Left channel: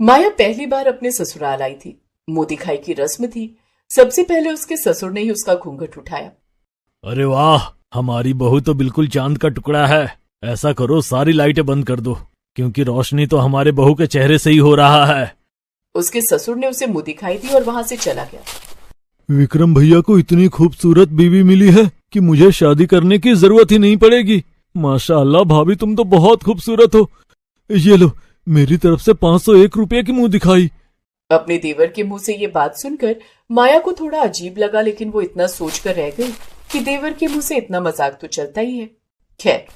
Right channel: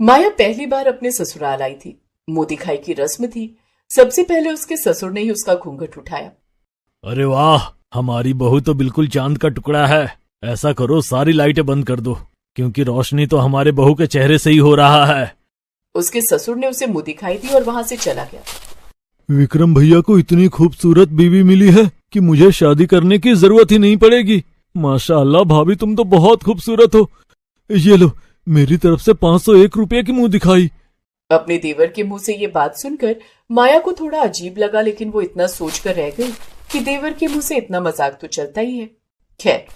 माया पहली बार अपने ससुराल आई थी। मुंह दिखाई की रस्म थी। सबसे पहले उसके ससुर ने ही उसका घूंघट उठाया। अरे वाह, हमारी बहू तो बिल्कुल चांद का टुकड़ा है। ऐसा करो, सारी लाइटें बंद कर दो, क्योंकि रोशनी तो हमारे बहू के चेहरे से ही हो रहा है। उसके ससुर ने उसे मुंह दिखाई दी और वहां से चला गया। विक्रम भैया को इतनी खूबसूरत बीवी मिली है कि मुझे शादी करने की जरूरत ही नहीं पड़ेगी। माशाअल्लाह भाभी, तुम तो बहुत खूबसूरत हो। ये लो, मेरी तरफ से 501 रुपये की मुंह दिखाई। अपने देवर के मुंह से ये बात सुनकर माया को थोड़ा अजीब लगा, लेकिन वो इतना सोचकर रह गई कि देवर के मुंह से इतना मजाक तो चलता ही है। खैर,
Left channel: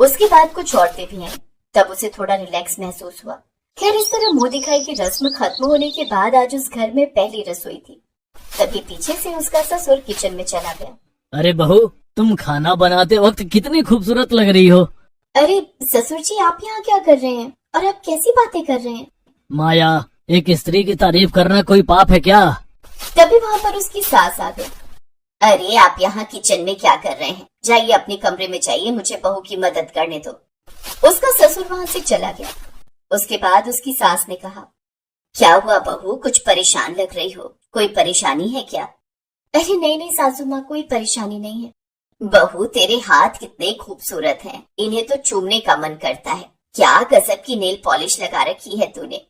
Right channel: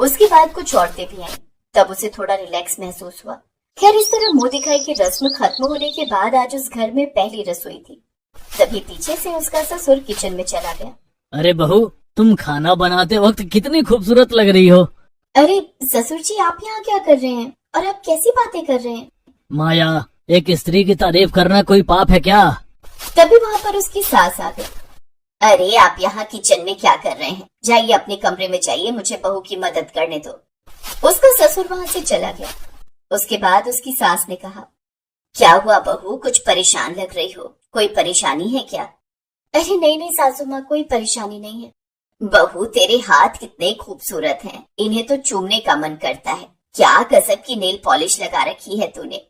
उसके बाद कुछ औरतें भी आईं, तब उसे थोड़ा रिलैक्स महसूस हुआ। खैर, इस तरह मुंह दिखाई की रस्म खत्म होने के बाद आज उस घर में पहली रसोई थी। तभी पीछे से उसका ससुर किचन में चला गया। अरे बहू, तुम खाना बनाते वक्त कितनी खूबसूरत लग रही हो। अरे ससुर जी, आप यहाँ क्या कर रहे हैं और आप कैसी बातें कर रहे हैं? माया, एक स्त्री की तारीफ करना कोई पाप है क्या? तभी वहाँ पर उसकी सास आ गई। अरे आप यहाँ किचन में क्या कर रहे हैं? जाइए अपने कमरे में जाइए, मुझे बहू की मदद करने दो। उसका ससुर वहाँ से चला गया। उसके बाद उसकी सास ने कहा, क्या हुआ बहू, कुछ परेशान लग रही हो? कोई परेशानी है क्या? अरे नहीं नहीं सासू माँ, कोई परेशानी नहीं है। बहू, तेरे हाथ कितने खूबसूरत हैं, इन्हें तो चूमने का मन करता है। क्या गजब की नेल पॉलिश लगा रखी है तूने।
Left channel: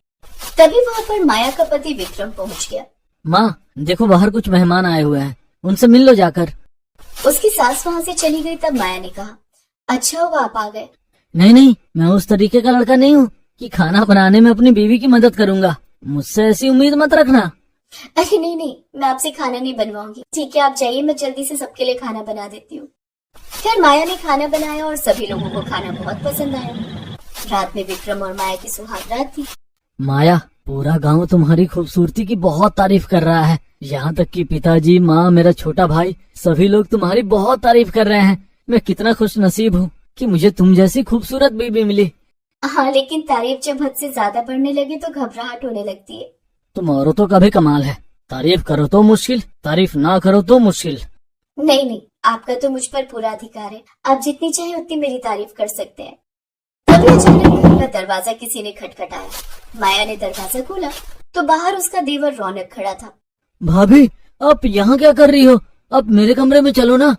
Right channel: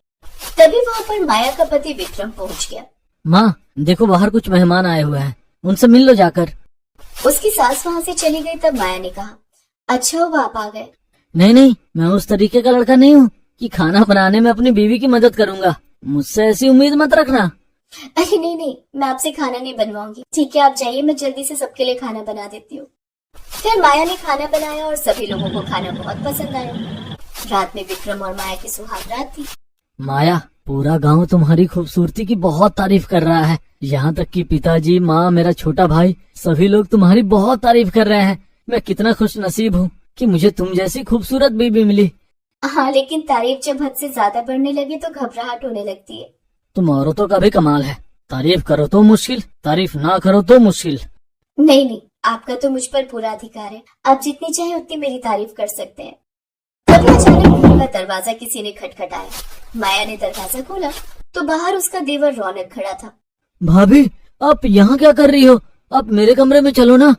तभी वहाँ पर माया का पति विक्रम पहुँच गया। माँ देखो, बाहर कुछ मेहमान आए हुए हैं, उनसे मिल लो जाकर। उसकी सास वहाँ से चली गई। तब माया ने कहा, अच्छा हुआ आप आ गए। नहीं नहीं, मैं उस तरीके का लड़का नहीं हूँ कि खाना बनाने में अपनी बीवी की मदद करूंगा। मुझसे ऐसी उम्मीद मत रखना। अरे नहीं नहीं, मैं आपसे खाना नहीं बनवाऊंगी। ठीक है, आप जाइए, मैं जल्दी से सबके लिए खाना बना देती हूँ। फिर माया ने खाना बनाया और सभी लोगों को खाना बहुत पसंद आया। रात में विक्रम और माया की सुहाग रात थी। माया, पूरा गांव तुम्हारी खूबसूरती की बहुत तारीफ कर रहा है। यहाँ तक कि पिताजी, माँ, मेरा छोटा भाई, सभी लोग तुम्हारी बहुत तारीफ कर रहे हैं। मैं कितना खुश नसीब हूँ कि मुझे तुम जैसी खूबसूरत बीबी मिली। हाँ, लेकिन तारीफ जब हद से ज्यादा बढ़ने लगे तो घबराहट होने लगती है। तुम औरतों का भी कमाल है, तारीफ करो तो मुश्किल, तारीफ ना करो तो मुश्किल। नहीं नहीं, आपका तो मुझ पर पूरा अधिकार है। आप जितनी चाहे उतनी मेरी तारीफ कर सकते हैं। तभी अचानक घर का दरवाजा किसी ने खटखटाया। माया ने दरवाजा खोला तो बाहर उसका देवर रौनक खड़ा था। भाभी, आप यहाँ क्या कर रही हो? आप मेरे कमरे में चलो ना।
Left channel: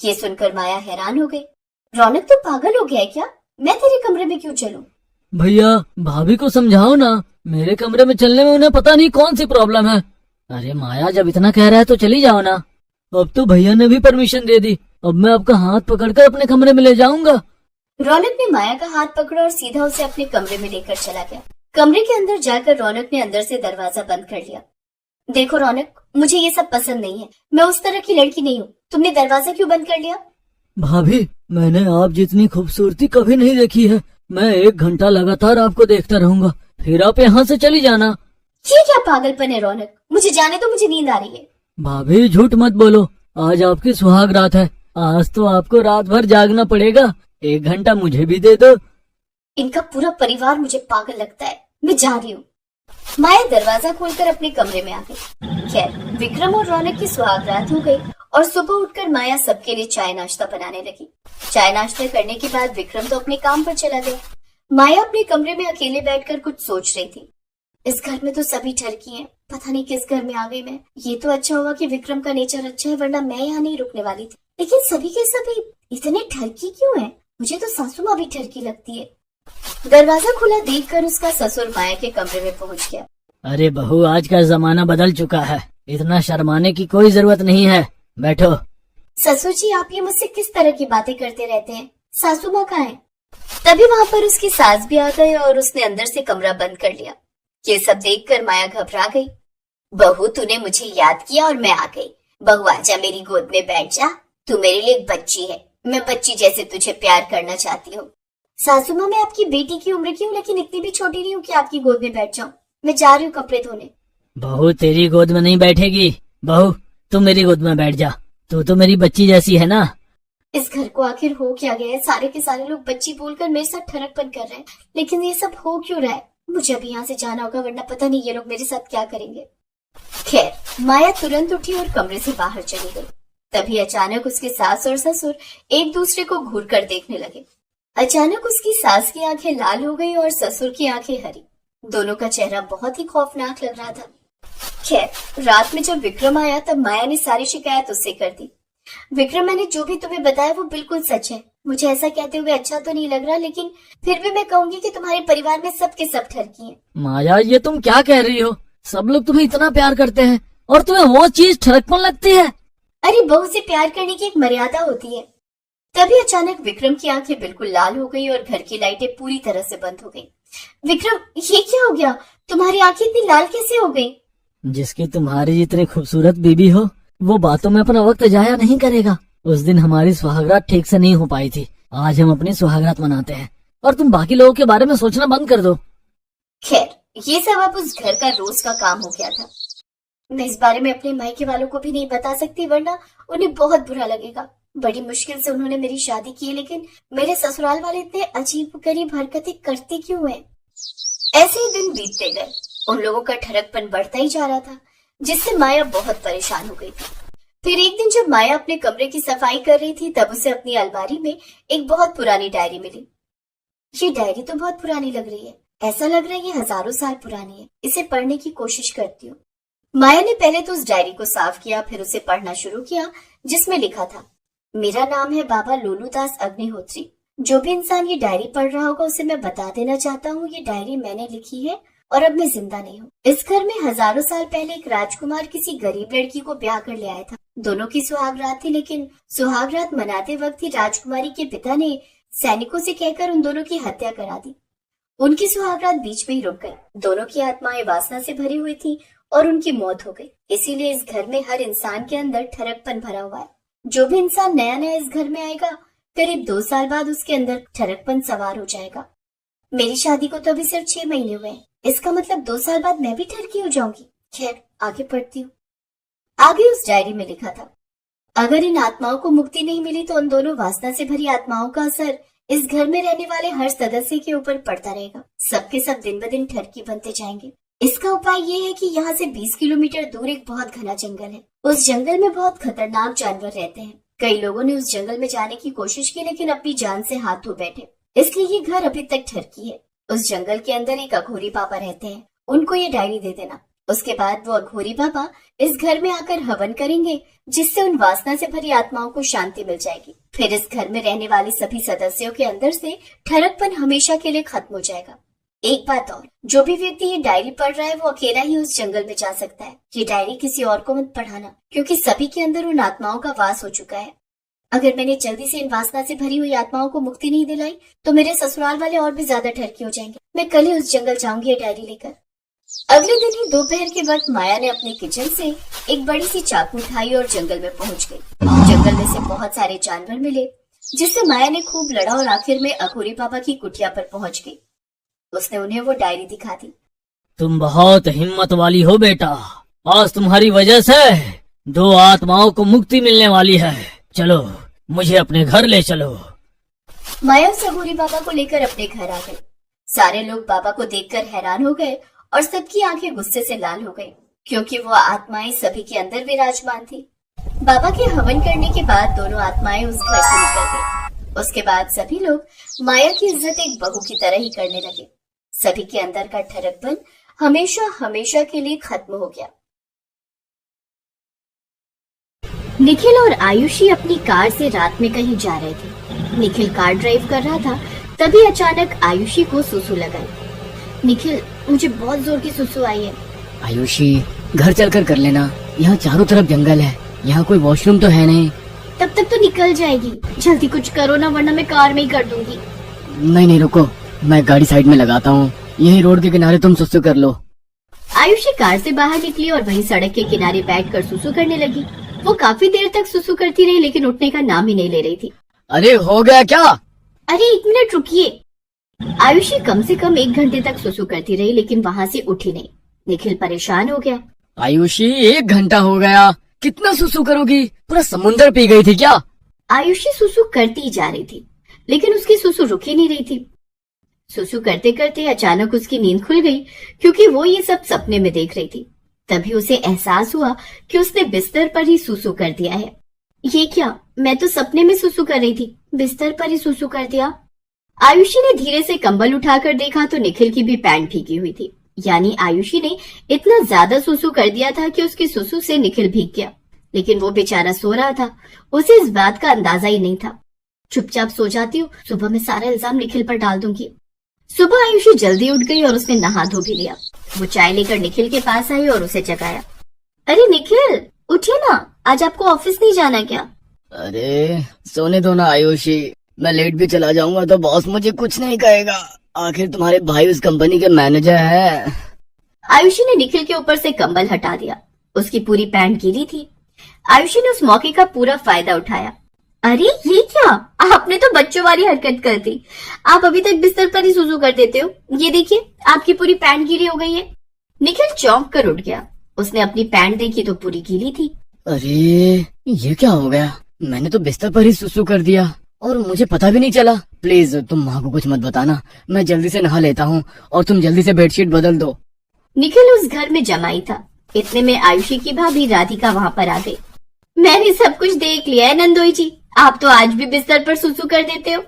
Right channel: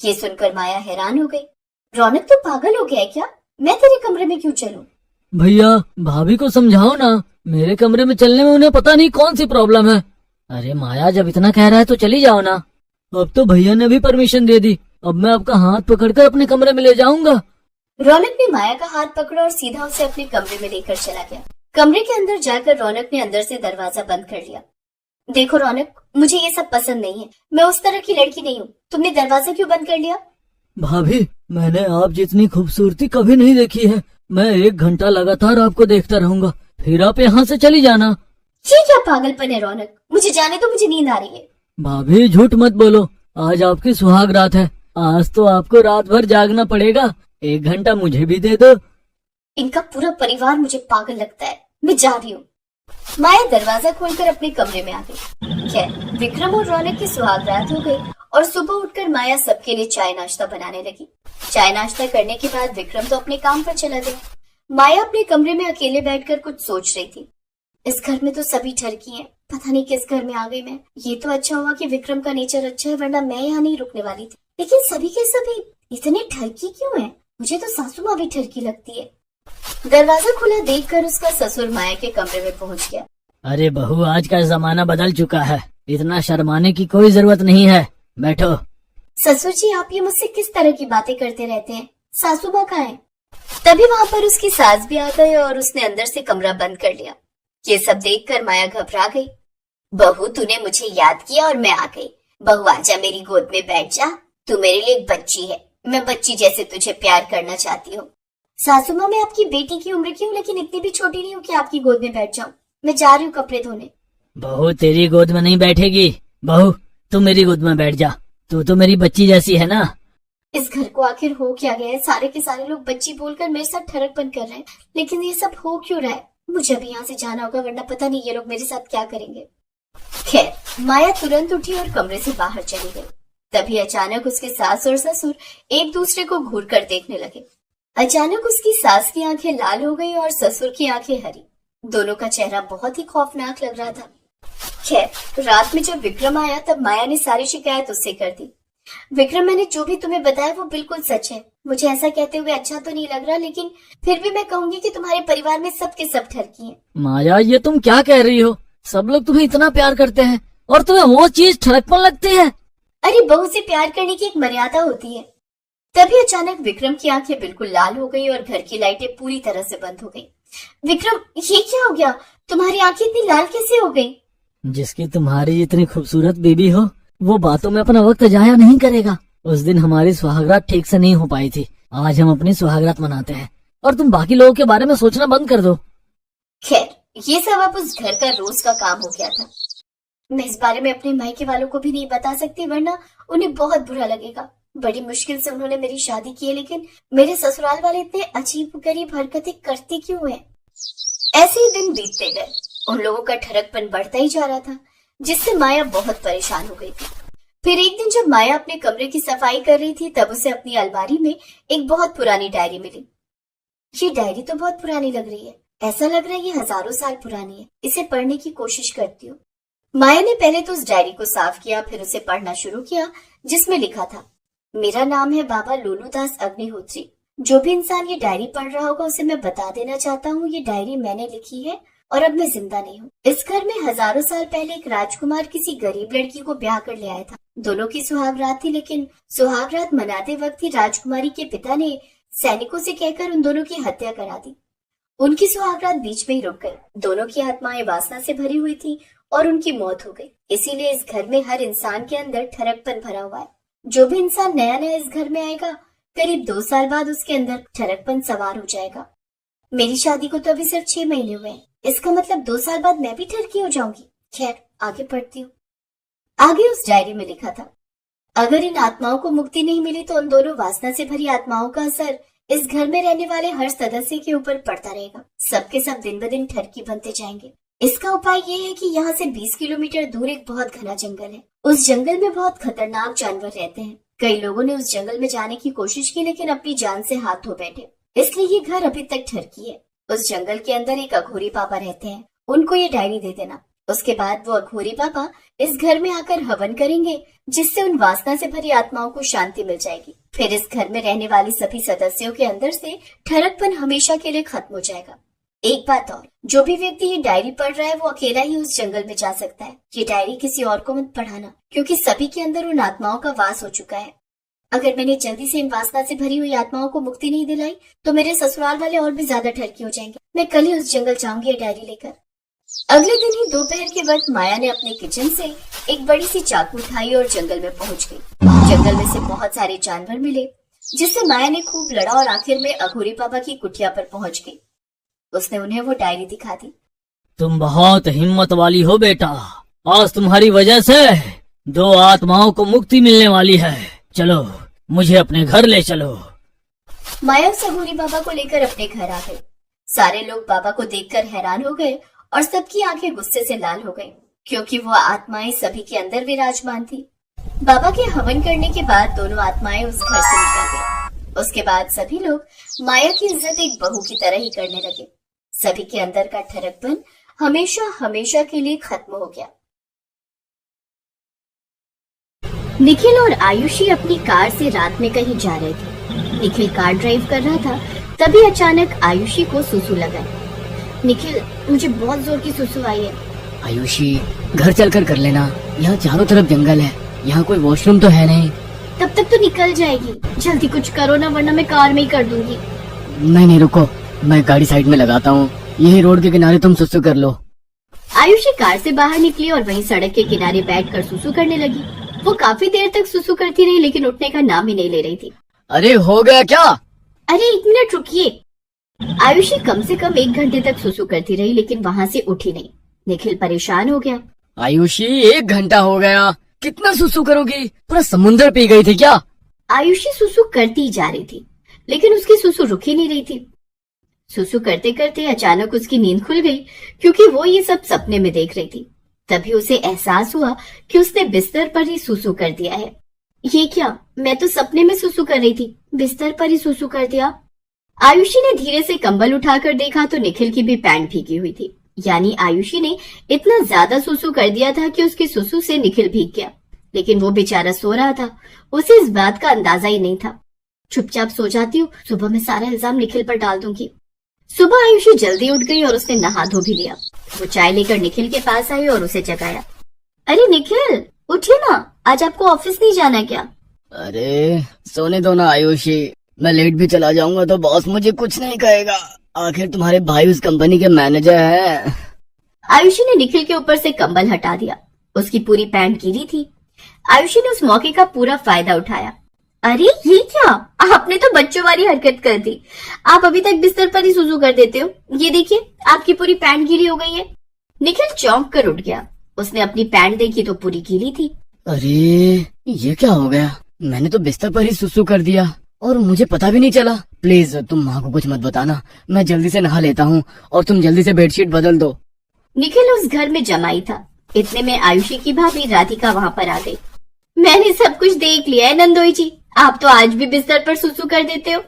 ये सुनकर माया हैरान हो गई। रौनक तो पागल हो गया है क्या? मैं तेरे कमरे में क्यों चलूं? भैया, भाभी को समझाओ ना, मेरे कमरे में चलने में उन्हें पता नहीं कौन सी प्रॉब्लम है। अरे माया, जब इतना कह रहा है तो चली जाओ ना। अब तो भैया ने भी परमिशन दे दी, अब मैं आपका हाथ पकड़कर अपने कमरे में ले जाऊंगा। रौनक ने माया का हाथ पकड़ा और सीधा उसे अपने कमरे में लेकर चला गया। कमरे के अंदर जाकर रौनक ने अंदर से दरवाजा बंद कर लिया। देखो रौनक, मुझे ये सब पसंद नहीं है। मैं उस तरह की लड़की नहीं हूँ। तुमने दरवाजा क्यों बंद कर लिया? भाभी, मैंने आप जितनी खूबसूरती कभी नहीं देखी है। मैं 1 घंटा लगातार आपको देखता रहूंगा, फिर आप यहाँ से चली जाना। ये क्या पागलपन है रौनक? मुझे जाने दो, मुझे नींद आ रही है। भाभी, झूठ मत बोलो, आज आपकी सुहाग रात है। आज तो आपको रात भर जागना पड़ेगा। 1 घंटा मुझे भी दे दो। इनका पूरा परिवार मुझे पागल लगता है। मैं जा रही हूँ। माया दरवाजा खोलकर अपने कमरे में आ गई। खैर, विक्रम और रौनक की सुहाग रात हो गई और सुबह उठकर माया सबके लिए चाय नाश्ता बनाने लगी। चाय नाश्ता करने के बाद विक्रम तो अपने काम पर चला गया। माया अपने कमरे में अकेले बैठकर कुछ सोच रही थी। इस घर में तो सभी ठरकी हैं, पता नहीं किस घर में आ गई मैं। ये तो अच्छा हुआ कि विक्रम का नेचर अच्छा है, वरना मैं यहाँ नहीं रुकने वाली थी। लेकिन सभी के सभी इतने ठरकी क्यों हैं? मुझे तो सासू माँ भी ठरकी लगती है। दरवाजा खुला देखकर उसका ससुर माया के कमरे में पहुँच गया। अरे बहू, आज का जमाना बदल चुका है, इतना शर्माने की कोई जरूरत नहीं है, बैठो। ससुर जी, आप ये मुझसे किस तरह की बातें करते रहते हैं? सासू माँ कहाँ है? तभी वहाँ पर उसकी सास भी आ गई और उसने अंदर से कमरा बंद कर लिया। ये सब देखकर माया घबरा गई। बहू, तूने मुझे याद किया और मैं आ गई। बहू, आजा मेरी गोद में बैठ जा। तू मेरे लिए एक बच्ची है, मैं बच्ची जैसे तुझे प्यार करना चाहती हूँ। सासू माँ, मैं आपकी बेटी की उम्र की हूँ, लेकिन इतनी भी छोटी नहीं हूँ कि आपकी गोद में बैठ जाऊँ। मैं जा रही हूँ कपड़े धोने। बहू, तेरी गोद में नहीं बैठेगी। बहू, तू मेरी गोद में बैठ जा, तू तो मेरी बच्ची जैसी है ना। इस घर को आखिर हो क्या गया है? सारे के सारे लोग बच्ची बोलकर मेरे साथ ठरकपन कर रहे हैं, लेकिन ये सब हो क्यों रहा है? मुझे अभी यहाँ से जाना होगा, वरना पता नहीं ये लोग मेरे साथ क्या करेंगे। खैर, माया तुरंत उठी और कमरे से बाहर चली गई। तभी अचानक उसके सास और ससुर एक दूसरे को घूर कर देखने लगे। अचानक उसकी सास की आंखें लाल हो गई और ससुर की आंखें हरी। दोनों का चेहरा बहुत ही खौफनाक लग रहा था। खैर, रात में जब विक्रम आया तब माया ने सारी शिकायत उससे कर दी। विक्रम, मैंने जो भी तुम्हें बताया वो बिल्कुल सच है। मुझे ऐसा कहते हुए अच्छा तो नहीं लग रहा, लेकिन फिर भी मैं कहूंगी कि तुम्हारे परिवार में सब के सब ठरकी हैं। माया, ये तुम क्या कह रही हो? सब लोग तुम्हें इतना प्यार करते हैं और तुम्हें वो चीज ठरकपन लगती है? अरे, बहू से प्यार करने की एक मर्यादा होती है। तभी अचानक विक्रम की आंखें बिल्कुल लाल हो गई और घर की लाइटें पूरी तरह से बंद हो गई। विक्रम, ये क्या हो गया? तुम्हारी आंखें इतनी लाल कैसे हो गई? जिसकी तुम्हारी इतनी खूबसूरत बेबी हो, वो बातों में अपना वक्त जाया नहीं करेगा। उस दिन हमारी सुहागरात ठीक से नहीं हो पाई थी। आज हम अपनी सुहागरात मनाते हैं और तुम बाकी लोगों के बारे में सोचना बंद कर दो। खैर, ये सब अब उस घर का रोज का काम हो गया था। मैं इस बारे में अपने मायके वालों को भी नहीं बता सकती, वरना उन्हें बहुत बुरा लगेगा। बड़ी मुश्किल से उन्होंने मेरी शादी की है, लेकिन मेरे ससुराल वाले इतने अजीब गरीब हरकतें करते क्यों हैं? ऐसे ही दिन बीतते गए। उन लोगों का ठरकपन बढ़ता ही जा रहा था, जिससे माया बहुत परेशान हो गई थी। फिर एक दिन जब माया अपने कमरे की सफाई कर रही थी, तब उसे अपनी अलमारी में एक बहुत पुरानी डायरी मिली। ये डायरी तो बहुत पुरानी लग रही है। ऐसा लग रहा है ये हजारों साल पुरानी है। इसे पढ़ने की कोशिश करती हूँ। माया ने पहले तो उस डायरी को साफ किया, फिर उसे पढ़ना शुरू किया, जिसमें लिखा था, मेरा नाम है बाबा लोलूदास अग्निहोत्री। जो भी इंसान ये डायरी पढ़ रहा होगा उसे मैं बता देना चाहता हूँ, ये डायरी मैंने लिखी है और अब मैं जिंदा नहीं हूँ। इस घर में हजारों साल पहले एक राजकुमार किसी गरीब लड़की को ब्याह कर ले आया था। दोनों की सुहागरात थी, लेकिन सुहागरात मनाते वक्त ही राजकुमारी के पिता ने सैनिकों से कहकर उन दोनों की हत्या करा दी। उनकी सुहागरात बीच में ही रुक गई। दोनों की आत्माएं वासना से भरी हुई थी और उनकी मौत हो गई। इसीलिए इस घर में हर इंसान के अंदर ठरकपन भरा हुआ है। जो भी इंसान नया नया इस घर में आएगा, करीब 2 साल बाद उसके अंदर ठरकपन सवार हो जाएगा। मेरी शादी को तो अभी सिर्फ 6 महीने हुए हैं। इसका मतलब 2 साल बाद मैं भी ठरकी हो जाऊंगी। खैर, आगे पढ़ती हूँ। आगे उस डायरी में लिखा था, अगर इन आत्माओं को मुक्ति नहीं मिली तो उन दोनों वासना से भरी आत्माओं का असर इस घर में रहने वाले हर सदस्य के ऊपर पड़ता रहेगा। सबके सब दिन ब दिन ठरकी बनते जाएंगे। इसका उपाय ये है कि यहाँ से 20 किलोमीटर दूर एक बहुत घना जंगल है। उस जंगल में बहुत खतरनाक जानवर रहते हैं। कई लोगों ने उस जंगल में जाने की कोशिश की, लेकिन अपनी जान से हाथ धो बैठे। इसलिए ये घर अभी तक ठरकी है। उस जंगल के अंदर एक अघोरी पापा रहते हैं। उनको ये डायरी दे देना। उसके बाद वो अघोरी पापा इस घर में आकर हवन करेंगे, जिससे उन वासना से भरी आत्माओं को शांति मिल जाएगी। फिर इस घर में रहने वाले सभी सदस्यों के अंदर से ठरकपन हमेशा के लिए खत्म हो जाएगा। एक बात और, जो भी व्यक्ति ये डायरी पढ़ रहा है वो अकेला ही उस जंगल में जा सकता है। ये डायरी किसी और को मत पढ़ाना, क्योंकि सभी के अंदर उन आत्माओं का वास हो चुका है। अगर मैंने जल्दी से इन वासना से भरी हुई आत्माओं को मुक्ति नहीं दिलाई तो मेरे ससुराल वाले और भी ज्यादा ठरकी हो जाएंगे। मैं कल ही उस जंगल जाऊंगी ये डायरी लेकर। अगले दिन ही दोपहर के वक्त माया ने अपने किचन से एक बड़ी सी चाकू उठाई और जंगल में पहुंच गई। जंगल में से बहुत सारे जानवर मिले, जिससे माया ने खूब लड़ा और आखिर में अघोरी पापा की कुटिया पर पहुंच गई। उसने उन्हें वो डायरी दिखा दी। तुम बहुत हिम्मत वाली हो बेटा। आज तुम्हारी वजह से 2 आत्माओं को मुक्ति मिलने वाली है। चलो, मुझे अपने घर ले चलो। माया उस अघोरी बाबा को लेकर अपने घर आ गई। सारे लोग बाबा को देखकर हैरान हो गए और सबकी आंखें गुस्से से लाल हो गईं, क्योंकि वो आत्माएं सभी के अंदर विराजमान थी। बाबा के हवन करने के बाद दोनों आत्माएं उस घर से निकल गईं। उसके बाद सभी लोग माया की इज्जत एक बहू की तरह ही करने लगे। सभी के अंदर का ठरकपन हमेशा हमेशा के लिए खत्म हो गया। निखिल और आयुषी अपनी कार से रात में कहीं जा रहे थे। निखिल कार ड्राइव कर रहा था, तभी अचानक आयुषी को सुसु लगा। निखिल, मुझे बहुत जोर की सुसु आई है। आयुषी, घर चलकर कर लेना। यहाँ चारों तरफ जंगल है, यहाँ कोई वॉशरूम तो है नहीं। तब तक तो निकल जाएगी। जल्दी कुछ करो ना, वरना मैं कार में ही कर दूंगी। नहीं, रुको, मैं गाड़ी साइड में लगाता हूँ। यही रोड के किनारे तुम सुसु कर लो। आयुषी कार से बाहर निकली और वहीं सड़क के किनारे बैठकर सुसु करने लगी। वो काफी देर तक सुसु करती रही, लेकिन उठने का नाम ही नहीं ले रही थी। अरे हो गया क्या? अरे 1 मिनट रुकिए। आयुषी कम से कम 1 घंटे तक सुसु करती रही, लेकिन वहाँ से उठी नहीं। निखिल परेशान हो गया। आयुषी, 1 घंटा हो गया, कितना सुसु करोगी? पूरा समुंदर पी गई थी क्या? आयुषी सुसु करती जा रही थी, लेकिन उसकी सुसु रुक ही नहीं रही थी। सुसु करते करते अचानक उसकी नींद खुल गई, क्योंकि वो ये सब सपने में देख रही थी। तभी उसे एहसास हुआ कि उसने बिस्तर पर ही सुसु कर दिया है। ये क्या? मैं तो सपने में सुसु कर रही थी, बिस्तर पर ही सुसु कर दिया। आयुषी ने धीरे से कंबल उठाकर देखा तो निखिल की भी पैंट भीगी हुई थी। यानी आयुषी ने इतना ज्यादा सुसु कर दिया था कि उसकी सुसु से निखिल भीग गया, लेकिन वो बेचारा सो रहा था, उसे इस बात का अंदाजा ही नहीं था। चुपचाप सो जाती हूँ, सुबह मैं सारा इल्जाम निखिल पर डाल दूंगी। सुबह आयुषी जल्दी उठ गई और उसने नहा धो भी लिया। वो चाय लेकर निखिल के पास आई और उसे जगाया। अरे निखिल, उठिए ना, आज आपको ऑफिस नहीं जाना क्या? अरे सोने दो ना आयुषी, मैं लेट भी चला जाऊंगा तो बॉस मुझे कुछ नहीं कहेगा। आखिर तुम्हारे भाई उस कंपनी के मैनेजर हैं। आयुषी ने निखिल के ऊपर से कंबल हटा दिया। उसकी पूरी पैंट गीली थी। आयुषी ने उस मौके का पूरा फायदा उठाया। अरे ये क्या, आपने तो बच्चों वाली हरकत कर दी। आप अभी तक बिस्तर पर ही सुसु कर देते हो। ये देखिए, आपकी पूरी पैंट गीली हो गई है। निखिल चौंक कर उठ गया। उसने अपनी पैंट देखी तो पूरी गीली थी। अरे ये क्या हो गया, मैंने तो बिस्तर पर ही सुसु कर दिया और मुझे पता भी नहीं चला। प्लीज तुम माँ को कुछ मत बताना, मैं जल्दी से नहा लेता हूँ और तुम जल्दी से बेडशीट बदल दो। निखिल उस घर में जमाई था। इतने में आयुषी की भाभी राधिका वहाँ पर आ गई। मैंने सब कुछ देख लिया है नंदोई जी, आप तो आज भी बिस्तर पर सुसु कर देते हो।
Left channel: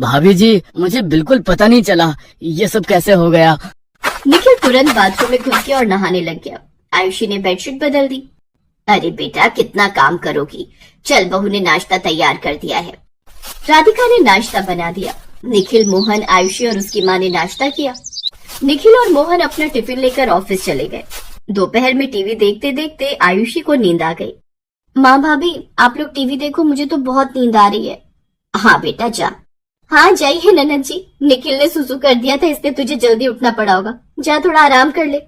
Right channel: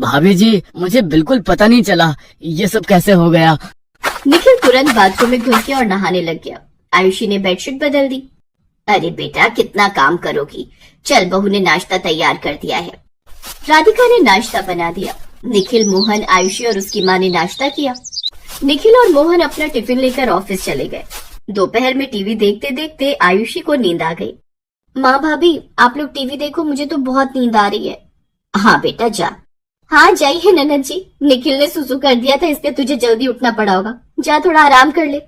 भाभी जी, मुझे बिल्कुल पता नहीं चला, ये सब कैसे हो गया। निखिल तुरंत बाथरूम में घुस गया और नहाने लग गया। आयुषी ने बेडशीट बदल दी। अरे बेटा, कितना काम करोगी, चल बहू ने नाश्ता तैयार कर दिया है। राधिका ने नाश्ता बना दिया। निखिल, मोहन, आयुषी और उसकी माँ ने नाश्ता किया। निखिल और मोहन अपना टिफिन लेकर ऑफिस चले गए। दोपहर में टीवी देखते देखते आयुषी को नींद आ गई। माँ भाभी, आप लोग टीवी देखो, मुझे तो बहुत नींद आ रही है। हाँ बेटा जा। हाँ जाइए ननद जी, निखिल ने सुसु कर दिया था इसलिए तुझे जल्दी उठना पड़ा होगा, जा थोड़ा आराम कर ले।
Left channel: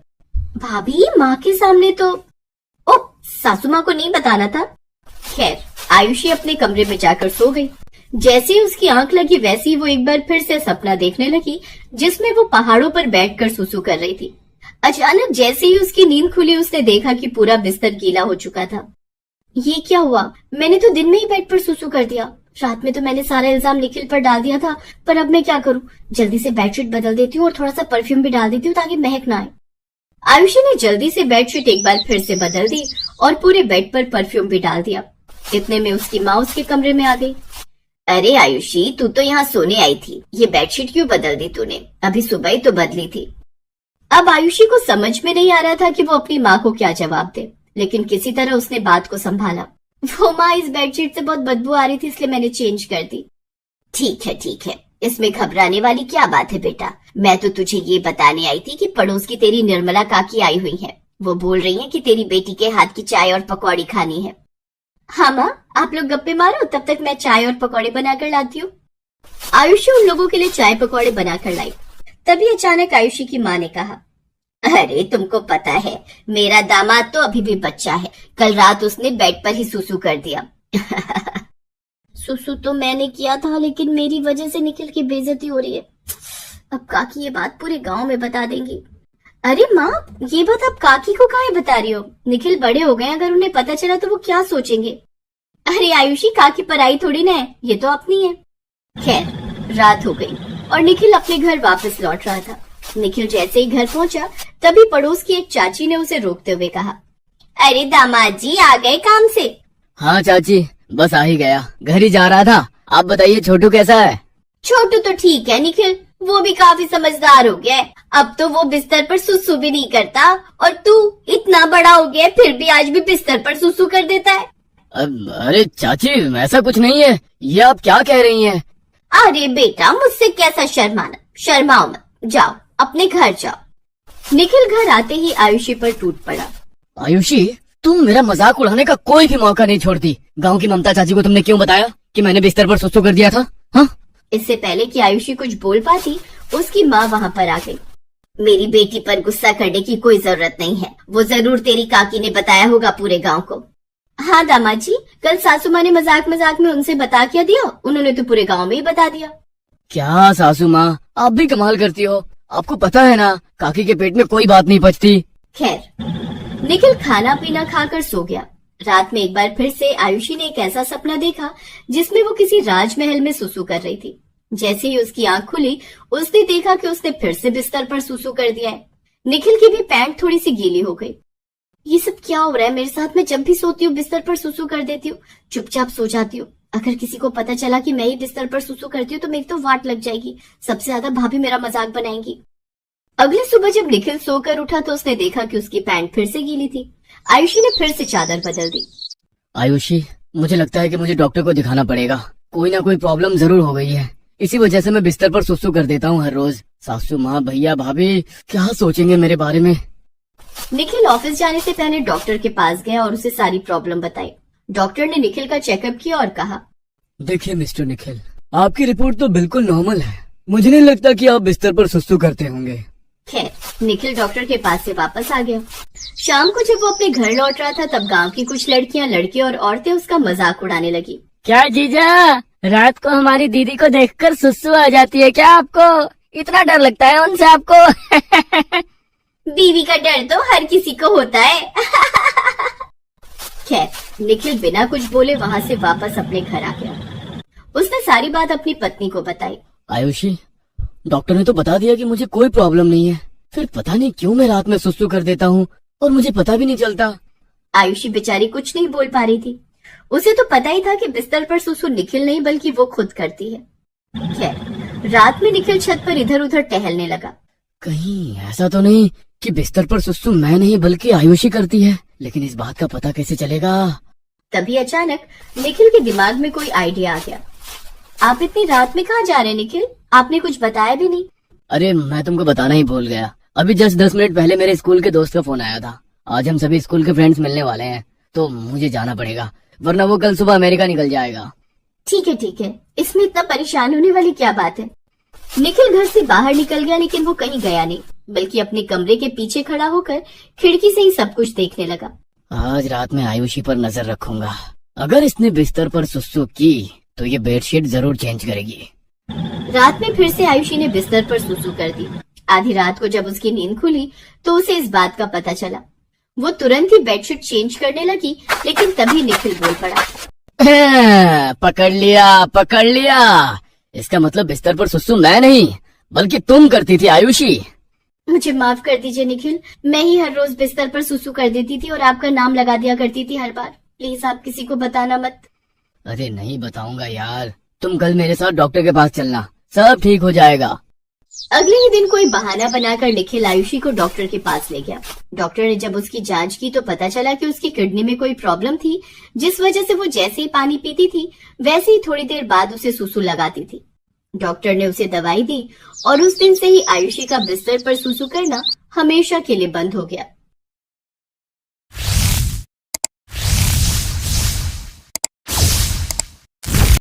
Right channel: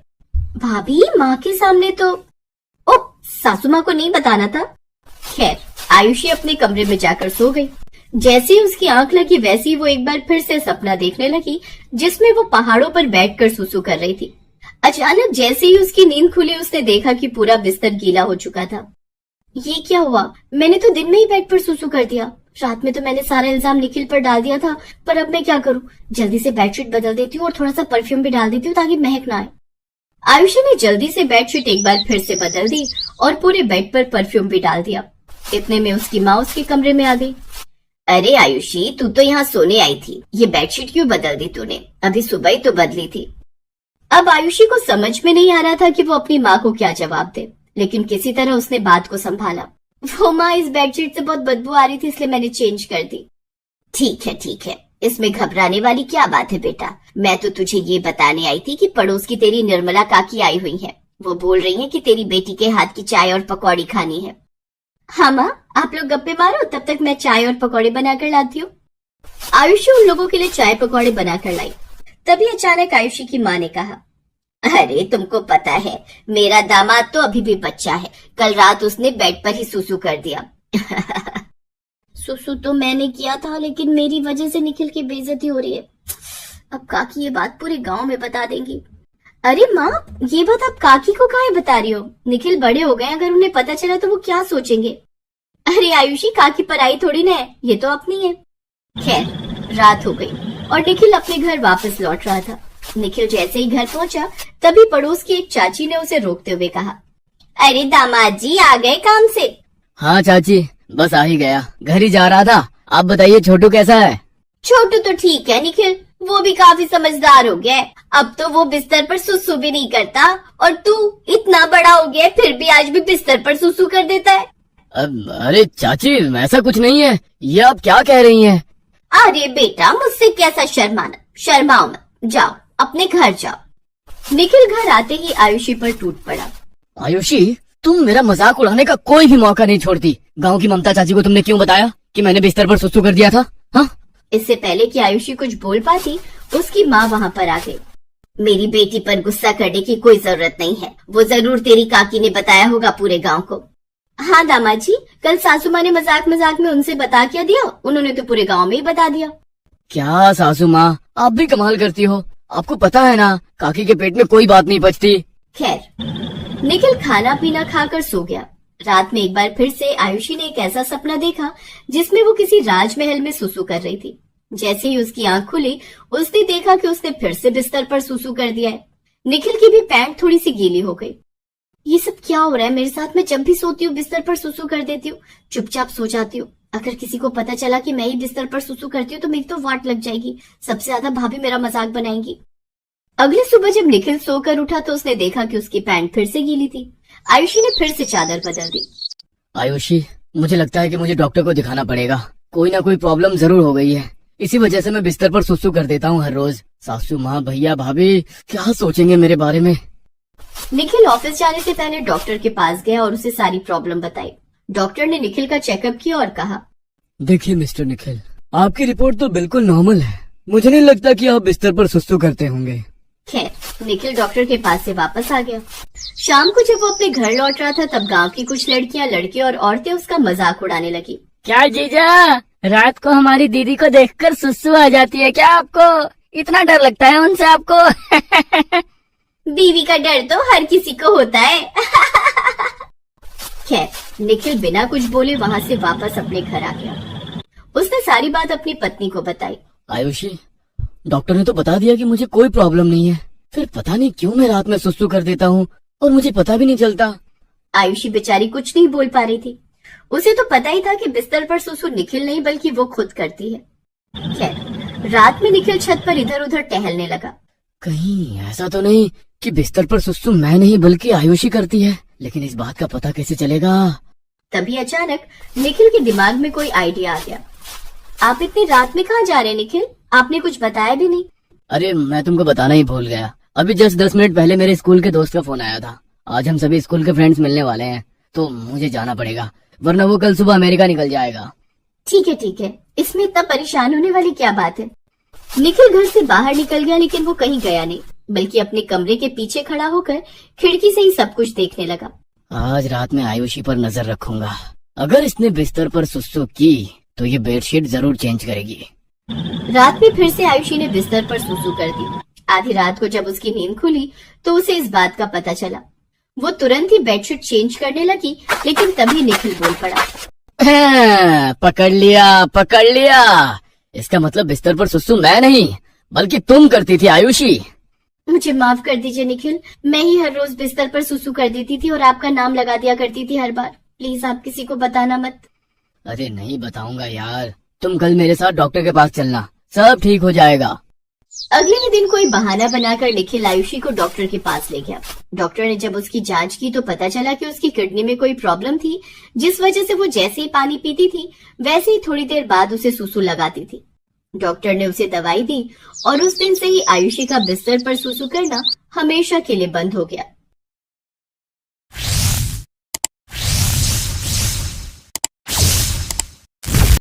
भाभी, माँ के सामने तो ओ, सासू माँ को नहीं बताना था। खैर, आयुषी अपने कमरे में जाकर सो गई। जैसे ही उसकी आंख लगी वैसे ही वो एक बार फिर से सपना देखने लगी, जिसमें वो पहाड़ों पर बैठकर सुसु कर रही थी। अचानक जैसे ही उसकी नींद खुली, उसने देखा कि पूरा बिस्तर गीला हो चुका था। ये क्या हुआ, मैंने तो दिन में ही बेड पर सुसु कर दिया। रात में तो मैंने सारा इल्जाम निखिल पर डाल दिया था, पर अब मैं क्या करूं? जल्दी से बेडशीट बदल देती हूँ और थोड़ा सा परफ्यूम भी डाल देती हूँ ताकि महक ना आए। आयुषी ने जल्दी से बेडशीट एक बार फिर से बदल दी और पूरे बेड पर परफ्यूम भी डाल दिया। इतने में उसकी माँ उसके कमरे में आ गई। अरे आयुषी, तू तो यहाँ सोने आई थी, ये बेडशीट क्यों बदल दी तूने? अभी सुबह ही तो बदली थी। अब आयुषी को समझ में नहीं आ रहा था कि वो अपनी माँ को क्या जवाब दे, लेकिन किसी तरह उसने बात को संभाला। वो माँ, इस बेडशीट से बहुत बदबू आ रही थी इसलिए मैंने चेंज कर दी। ठीक है, इसमें घबराने वाली क्या बात है बेटा। मैं तो तुझे ये बताने आई थी कि पड़ोस की तेरी निर्मला काकी आई हुई है। वो बोल रही है कि तेरी बेटी के हाथ की चाय और पकौड़ी खानी है। हाँ माँ, आप लोग गप्पे मारो, तब तक मैं चाय और पकौड़े बनाकर लाती हूँ। आयुषी उन लोगों के लिए चाय पकौड़े बनाकर लाई। तभी अचानक आयुषी की माँ ने कहा, अरे तुमको पता है, मेरा दामाद तो अभी भी बच्चा है। कल रात उसने बेड पर ही सुसु कर दिया। सुसु तो मैंने किया था, लेकिन मेरी वजह से निखिल की बेइज्जती हो रही है। अब काकी ये बात पूरे गांव में बता देंगी। अरे माँ, ये बात आप काकी को काहे बता रही हो? निखिल बड़े हो गए, अगर उन्हें पता चला तो वो क्या सोचेंगे? अरे आयुषी, काकी पराई थोड़ी ना है, ये तो अपनी है। खैर, रात हो गई और निखिल अपने घर वापस लौट रहा था। निखिल जैसे ही घर पहुंचा, तभी पड़ोस की एक चाची ने उसे रोकते हुए कहा, अरे दामाद जी, आ गए काम से? हाँ चाची, बस आ ही गया, घर ही जा रहा था। आप बताइए छोटू कैसा है? छोटू तो ठीक है निखिल, वो भी काफी समझदार हो गया है। अब तो वो बिस्तर पर सुसु भी नहीं करता, और तू इतना बड़ा हो गया फिर भी आज भी बिस्तर पर सुसु कर देता है। अरे चाची, ऐसा कुछ नहीं है, ये आप क्या कह रही हैं? अरे बेटा, मुझसे कैसा शर्माना, शर्माओ मत, जाओ अपने घर जाओ। निखिल घर आते ही आयुषी पर टूट पड़ा। आयुषी, तुम मेरा मजाक उड़ाने का कोई भी मौका नहीं छोड़ती। गांव की ममता चाची को तुमने क्यों बताया कि मैंने बिस्तर पर सुसु कर दिया था? हाँ? इससे पहले कि आयुषी कुछ बोल पाती, उसकी माँ वहाँ पर आ गई। मेरी बेटी पर गुस्सा करने की कोई जरूरत नहीं है, वो जरूर तेरी काकी ने बताया होगा पूरे गांव को। हाँ दामाद जी, कल सासू माँ ने मजाक मजाक में उनसे बता क्या दिया, उन्होंने तो पूरे गांव में ही बता दिया। क्या सासू माँ, आप भी कमाल करती हो। आपको पता है ना, काकी के पेट में कोई बात नहीं पचती। खैर, निखिल खाना पीना खाकर सो गया। रात में एक बार फिर से आयुषी ने एक ऐसा सपना देखा जिसमें वो किसी राजमहल में सुसु कर रही थी। जैसे ही उसकी आंख खुली, उसने देखा कि उसने फिर से बिस्तर पर सुसु कर दिया है। निखिल की भी पैंट थोड़ी सी गीली हो गई। ये सब क्या हो रहा है मेरे साथ? मैं जब भी सोती हूँ बिस्तर पर सुसु कर देती हूँ, चुपचाप सो जाती हूँ। अगर किसी को पता चला कि मैं ही बिस्तर पर सुसु करती हूँ तो मेरी तो वाट लग जाएगी। सबसे ज्यादा भाभी मेरा मजाक बनाएंगी। अगली सुबह जब निखिल सोकर उठा तो उसने देखा कि उसकी पैंट फिर से गीली थी। आयुषी ने फिर से चादर बदल दी। आयुषी, मुझे लगता है कि मुझे डॉक्टर को दिखाना पड़ेगा। कोई ना कोई प्रॉब्लम जरूर हो गई है। इसी वजह से मैं बिस्तर पर सुसु कर देता हूँ हर रोज। सासू माँ, भैया, भाभी क्या सोचेंगे मेरे बारे में। निखिल ऑफिस जाने से पहले डॉक्टर के पास गया और उसे सारी प्रॉब्लम बताई। डॉक्टर ने निखिल का चेकअप किया और कहा, देखिए मिस्टर निखिल, आपकी रिपोर्ट तो बिल्कुल नॉर्मल है। मुझे नहीं लगता कि आप बिस्तर पर सुसु करते होंगे। खैर, निखिल डॉक्टर के पास से वापस आ गया। शाम को जब वो अपने घर लौट रहा था तब गांव की कुछ लड़कियां, लड़के और औरतें उसका मजाक उड़ाने लगी। क्या जीजा, रात को हमारी दीदी को देखकर सुसु आ जाती है क्या आपको? इतना डर लगता है उनसे आपको? बीवी का डर तो हर किसी को होता है। खैर, निखिल बिना कुछ बोले वहां से वापस अपने घर आ गया। उसने सारी बात अपनी पत्नी को बताई। आयुषी, डॉक्टर ने तो बता दिया कि मुझे कोई प्रॉब्लम नहीं है, फिर पता नहीं क्यों मैं रात में सुसु कर देता हूँ और मुझे पता भी नहीं चलता। आयुषी बेचारी कुछ नहीं बोल पा रही थी। उसे तो पता ही था कि बिस्तर पर सुसु निखिल नहीं बल्कि वो खुद करती है। खैर, रात में निखिल छत पर इधर उधर टहलने लगा। कहीं ऐसा तो नहीं कि बिस्तर पर सुसु मैं नहीं बल्कि आयुषी करती है, लेकिन इस बात का पता कैसे चलेगा? तभी अचानक निखिल के दिमाग में कोई आइडिया आ गया। आप इतनी रात में कहाँ जा रहे हैं निखिल? आपने कुछ बताया भी नहीं। अरे मैं तुमको बताना ही भूल गया। अभी जस्ट 10 मिनट पहले मेरे स्कूल के दोस्त का फोन आया था। आज हम सभी स्कूल के फ्रेंड्स मिलने वाले हैं, तो मुझे जाना पड़ेगा, वरना वो कल सुबह अमेरिका निकल जाएगा। ठीक है, इसमें इतना परेशान होने वाली क्या बात है। निखिल घर से बाहर निकल गया, लेकिन वो कहीं गया नहीं, बल्कि अपने कमरे के पीछे खड़ा होकर खिड़की से ही सब कुछ देखने लगा। आज रात में आयुषी पर नजर रखूंगा। अगर इसने बिस्तर पर सुसु की तो ये बेडशीट जरूर चेंज करेगी। रात में फिर से आयुषी ने बिस्तर पर सुसु कर दी। आधी रात को जब उसकी नींद खुली तो उसे इस बात का पता चला। वो तुरंत ही बेडशीट चेंज करने लगी, लेकिन तभी निखिल बोल पड़ा। पकड़ लिया। इसका मतलब बिस्तर पर सुसु मैं नहीं बल्कि तुम करती थी आयुषी। मुझे माफ कर दीजिए निखिल, मैं ही हर रोज बिस्तर पर सुसु कर देती थी और आपका नाम लगा दिया करती थी हर बार। प्लीज आप किसी को बताना मत। अरे नहीं बताऊंगा यार, तुम कल मेरे साथ डॉक्टर के पास चलना, सब ठीक हो जाएगा। अगले ही दिन कोई बहाना बनाकर निखिल आयुषी को डॉक्टर के पास ले गया। डॉक्टर ने जब उसकी जांच की तो पता चला कि उसकी किडनी में कोई प्रॉब्लम थी, जिस वजह से वो जैसे ही पानी पीती थी वैसे ही थोड़ी देर बाद उसे सुसु लगाती थी। डॉक्टर ने उसे दवाई दी और उस दिन से ही आयुषी का बिस्तर पर सुसु करना हमेशा के लिए बंद हो गया।